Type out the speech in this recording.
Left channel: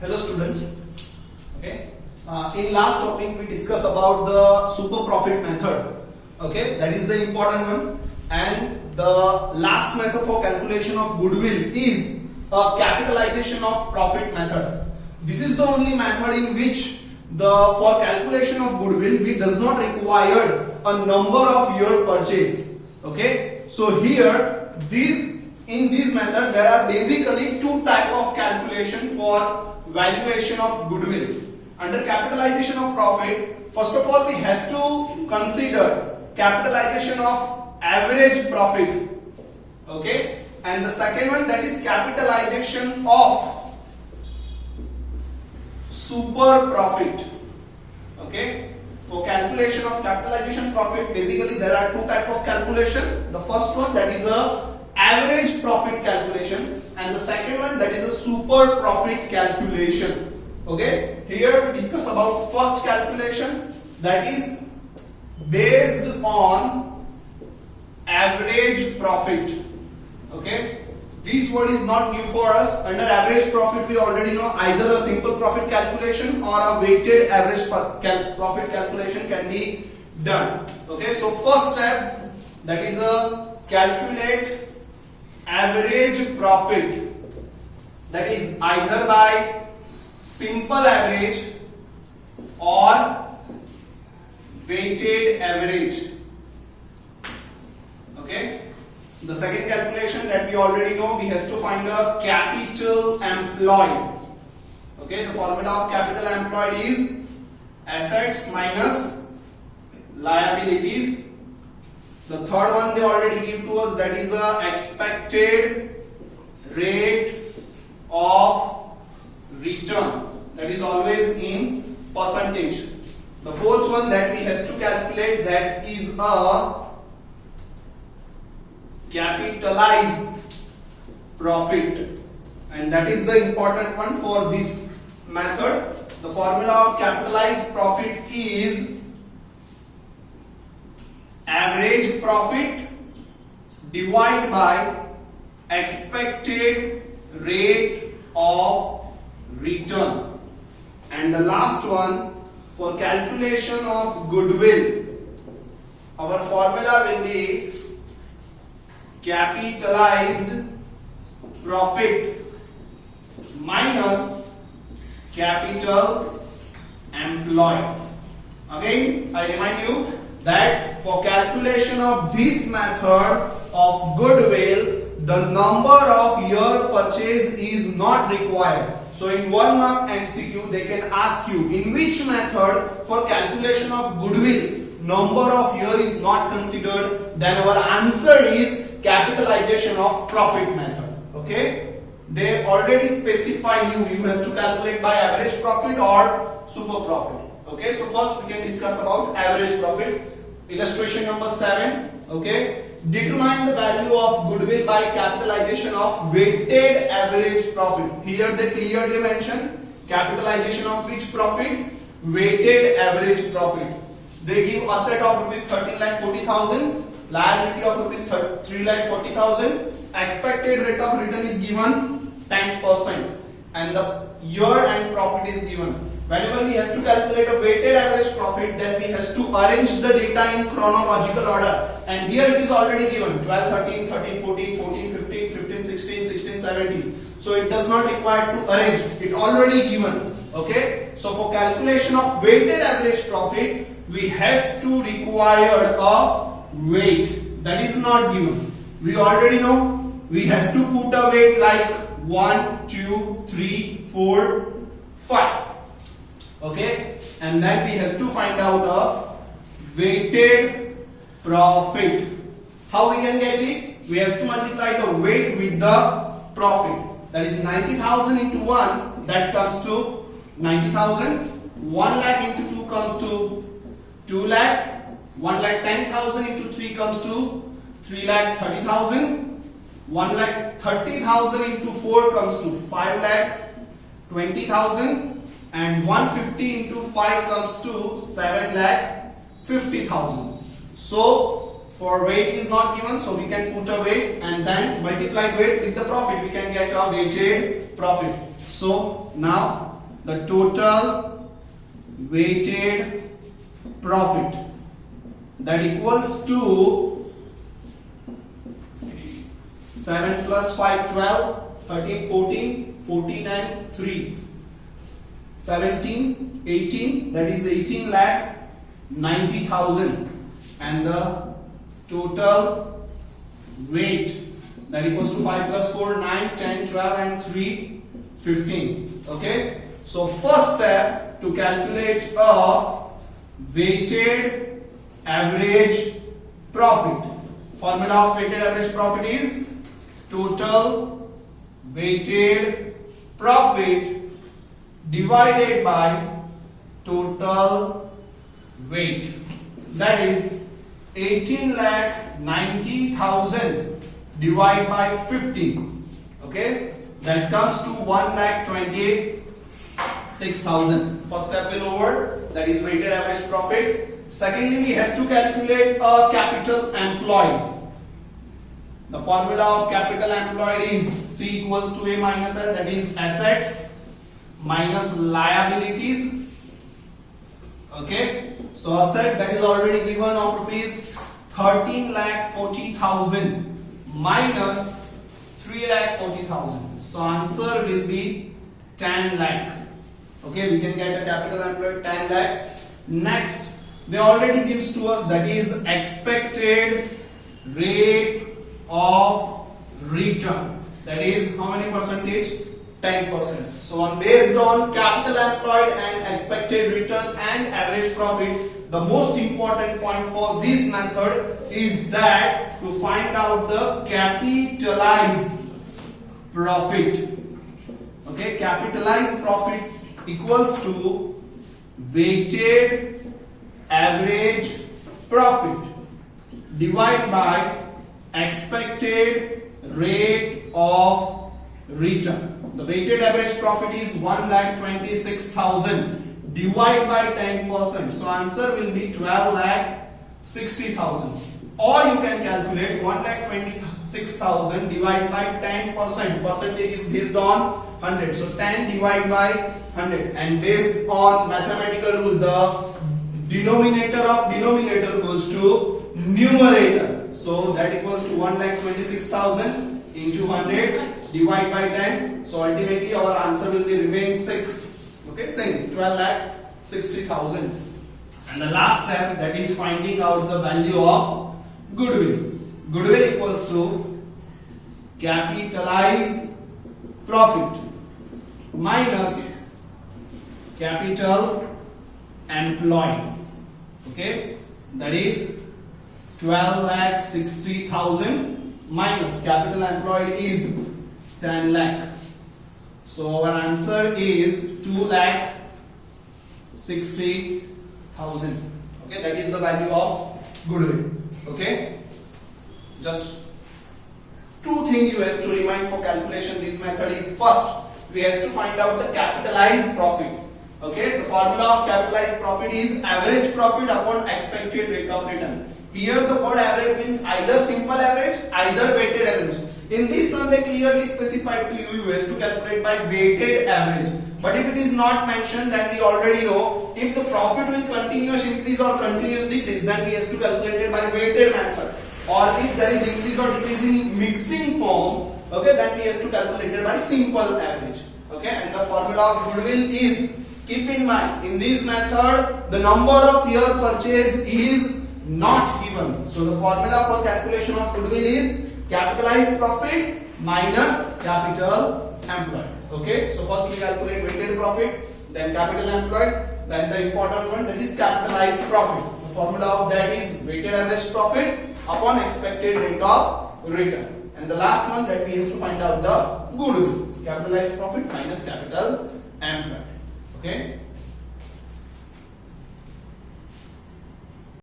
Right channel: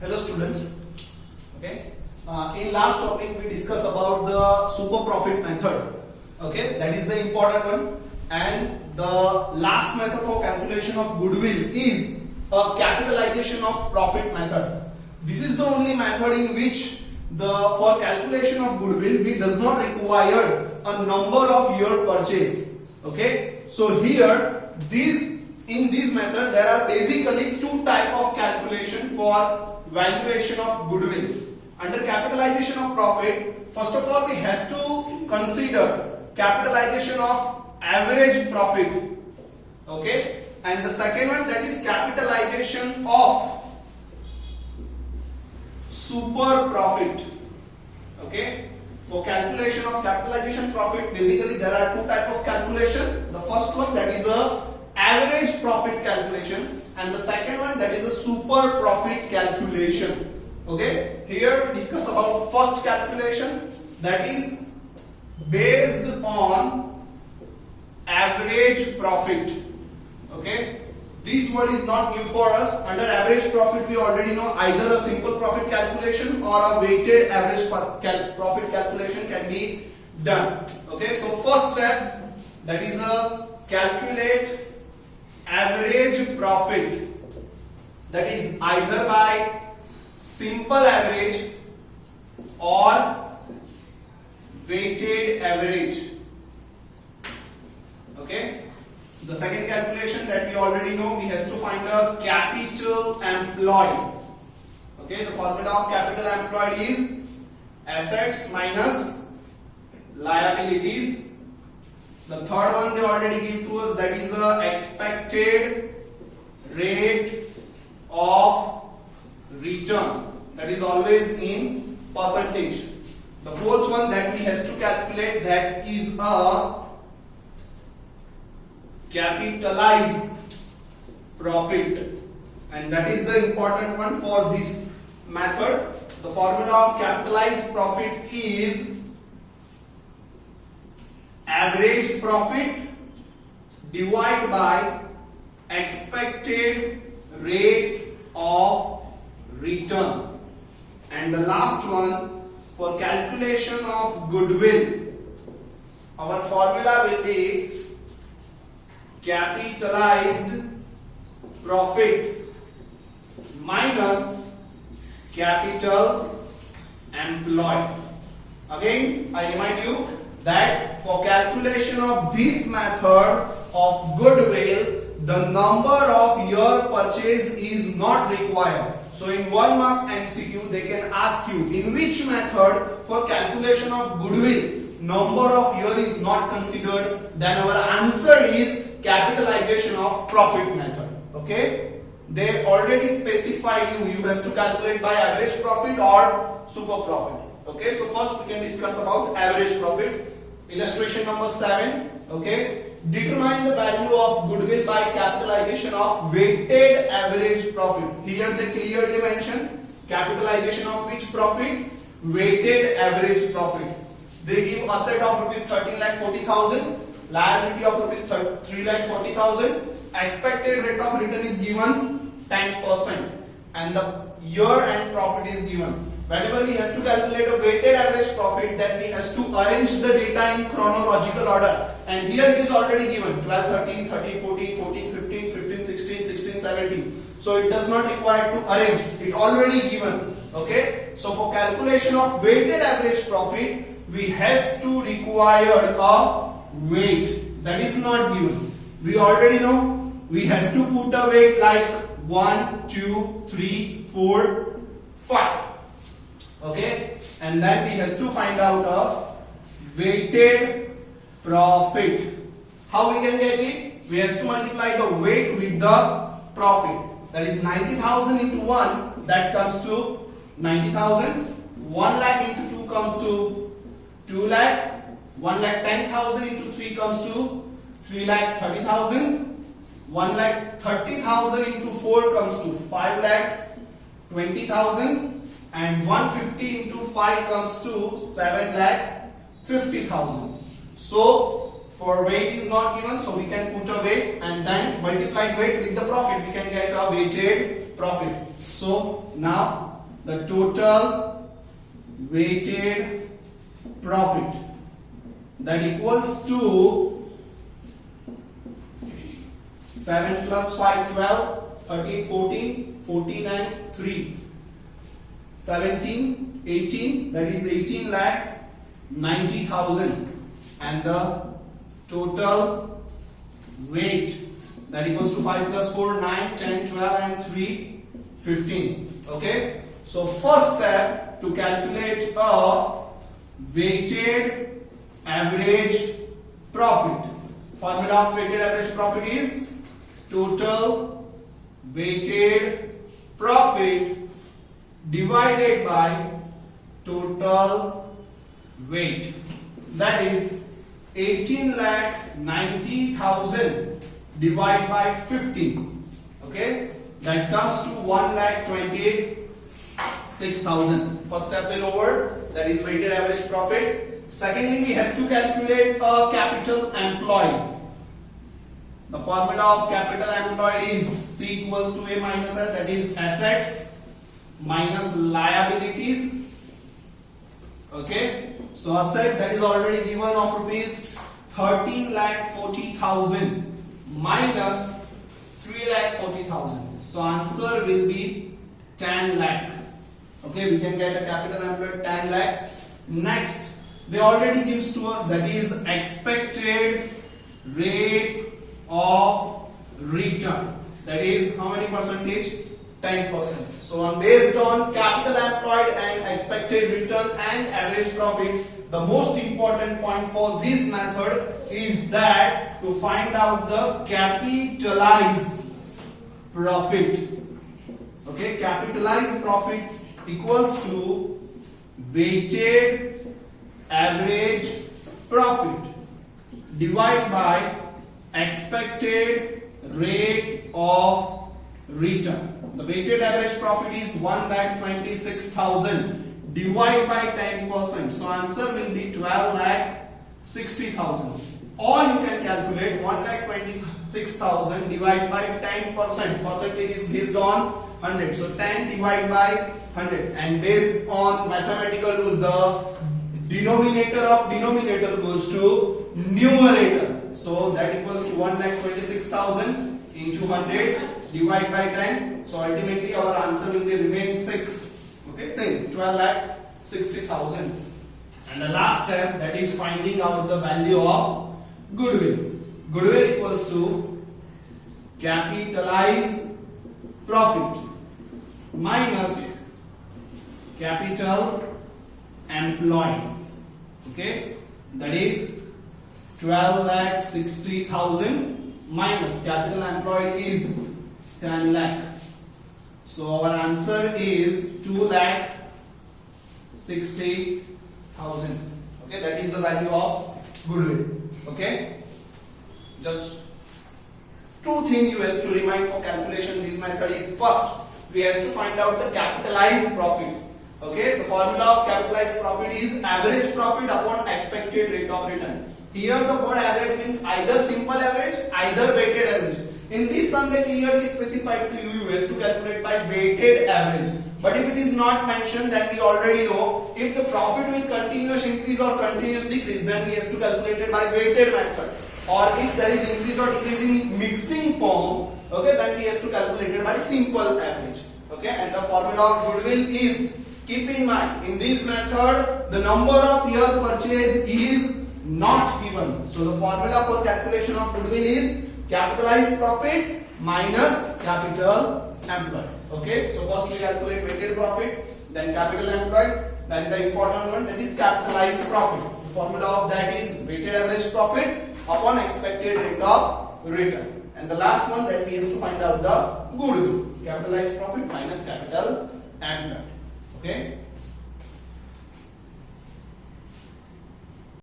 Hello students. Okay. In last topic we discussed about the super profit method. Okay, that is the important one. And the last method for calculation of goodwill is a capitalization of profit method. This is the only method in which for calculation of goodwill we does not require a number of year purchase. Okay. So here in this method there are basically two type of calculation for valuation of goodwill. Under capitalization of profit, first of all we has to consider capitalization of average profit. Okay, and the second one, that is capitalization of super profit. Okay, for calculation of capitalization profit, basically there are two type of calculation. The first one, that is a average profit calculation, and the second one, that is a super profit calculation. Okay, here we discuss about first calculation, that is based on average profit. Okay, this word is not new for us. Under average profit we already know either a simple profit calculation or a weighted average profit calculation can be done. Okay, so first step, that is a calculate average profit, that is either by simple average or weighted average. Okay, the second calculation that we already know, we has to find a capital employed. Okay, the formula of capital employed is assets minus liabilities. The third one they already give to us, that is a expected rate of return, that is always in percentage. The fourth one that we has to calculate, that is a capitalized profit, and that is the important one for this method. The formula of capitalized profit is average profit divided by expected rate of return. And the last one, for calculation of goodwill, our formula will be capitalized profit minus capital employed. Again, I remind you that for calculation of this method of goodwill, the number of year purchase is not required. So in 1 mark MCQ they can ask you, in which method for calculation of goodwill number of year is not considered, then our answer is capitalization of profit method. Okay, they already specified you has to calculate by average profit or super profit. Okay, so first we can discuss about average profit. Illustration number 7. Okay, determine the value of goodwill by capitalization of weighted average profit. Here they clearly mention capitalization of which profit? Weighted average profit. They give asset of rupees 13,40,000, liability of rupees 3,40,000, expected rate of return is given 10%, and the year end profit is given. Whenever we has to calculate a weighted average profit, then we has to arrange the data in chronological order, and here it is already given 12, 13, 13, 14, 14, 15, 15, 16, 16, 17. So it does not require to arrange, it already given. Okay, so for calculation of weighted average profit, we has to require a weight that is not given. We already know we has to put a weight like 1, 2, 3, 4, 5. Okay, and then we has to find out a weighted profit. How we can get it? We has to multiply the weight with the profit. That is 90,000 into 1, that comes to 90,000. 1 lakh into 2 comes to 2 lakh. 1 lakh 10,000 into 3 comes to 3 lakh 30,000. 1 lakh 30,000 into 4 comes to 5 lakh 20,000. And 150 into 5 comes to 7 lakh 50,000. So For weight is not given, so we can put a weight and then multiply weight with the profit. We can get a weighted profit. So now the total weighted profit, that equals to 7 plus 5, 12, 13, 14, 14 and 3, 17, 18, that is 18 lakh 90,000, and the total weight, that equals to 5 plus 4, 9, 10, 12 and 3, 15. Okay, so first step to calculate a weighted average profit. Formula of weighted average profit is total weighted profit divided by total weight, that is 18 lakh 90,000 divided by 15. Okay, that comes to 1 lakh 26,000. First step will over, that is weighted average profit. Secondly, we has to calculate a capital employed. The formula of capital employed is C equals to A minus L, that is assets minus liabilities. Okay, so asset, that is already given, of rupees 13 lakh 40,000 minus 3 lakh 40,000. So answer will be 10 lakh. Okay, we can get a capital employed 10 lakh. Next, they already gives to us, that is expected rate of return, that is how many percentage? 10%. So based on capital employed and expected return and average profit, the most important point for this method is that to find out the capitalized profit. Okay, capitalized profit equals to weighted average profit divided by expected rate of return. The weighted average profit is 1,26,000 divided by 10%. So answer will be 12,60,000. Or you can calculate 1,26,000 divided by 10%. Percentage is based on 100. So 10 divided by 100. And based on mathematical rule, the denominator of denominator goes to numerator. So that equals to 1,26,000 into 100 divided by 10. So ultimately our answer will be remain 6. Okay, same 12,60,000. And the last step, that is finding out the value of goodwill. Goodwill equals to capitalized profit minus capital employed. Okay, that is 12,60,000 minus capital employed is 10 lakh. So our answer is 2,60,000. Okay, that is the value of goodwill. Okay, just two things you have to remind for calculation this method is, first we have to find out the capitalized profit. Okay, the formula of capitalized profit is average profit upon expected rate of return. Here the word average means either simple average, either weighted average. In this sum they clearly specified to you has to calculate by weighted average. But if it is not mentioned, then we already know if the profit will continuous increase or continuous decrease, then we have to calculate it by weighted method. Or if there is increase or decrease in mixing form, okay, then we have to calculate it by simple average. Okay, and the formula of goodwill is, keep in mind, in this method the number of year purchase is not given. So the formula for calculation of goodwill is capitalized profit minus capital employed. Okay, so first we calculate weighted profit, then capital employed, then the important one, that is capitalized profit. The formula of that is weighted average profit upon expected rate of return. And the last one, that we have to find out the goodwill, capitalized profit minus capital employed. Okay.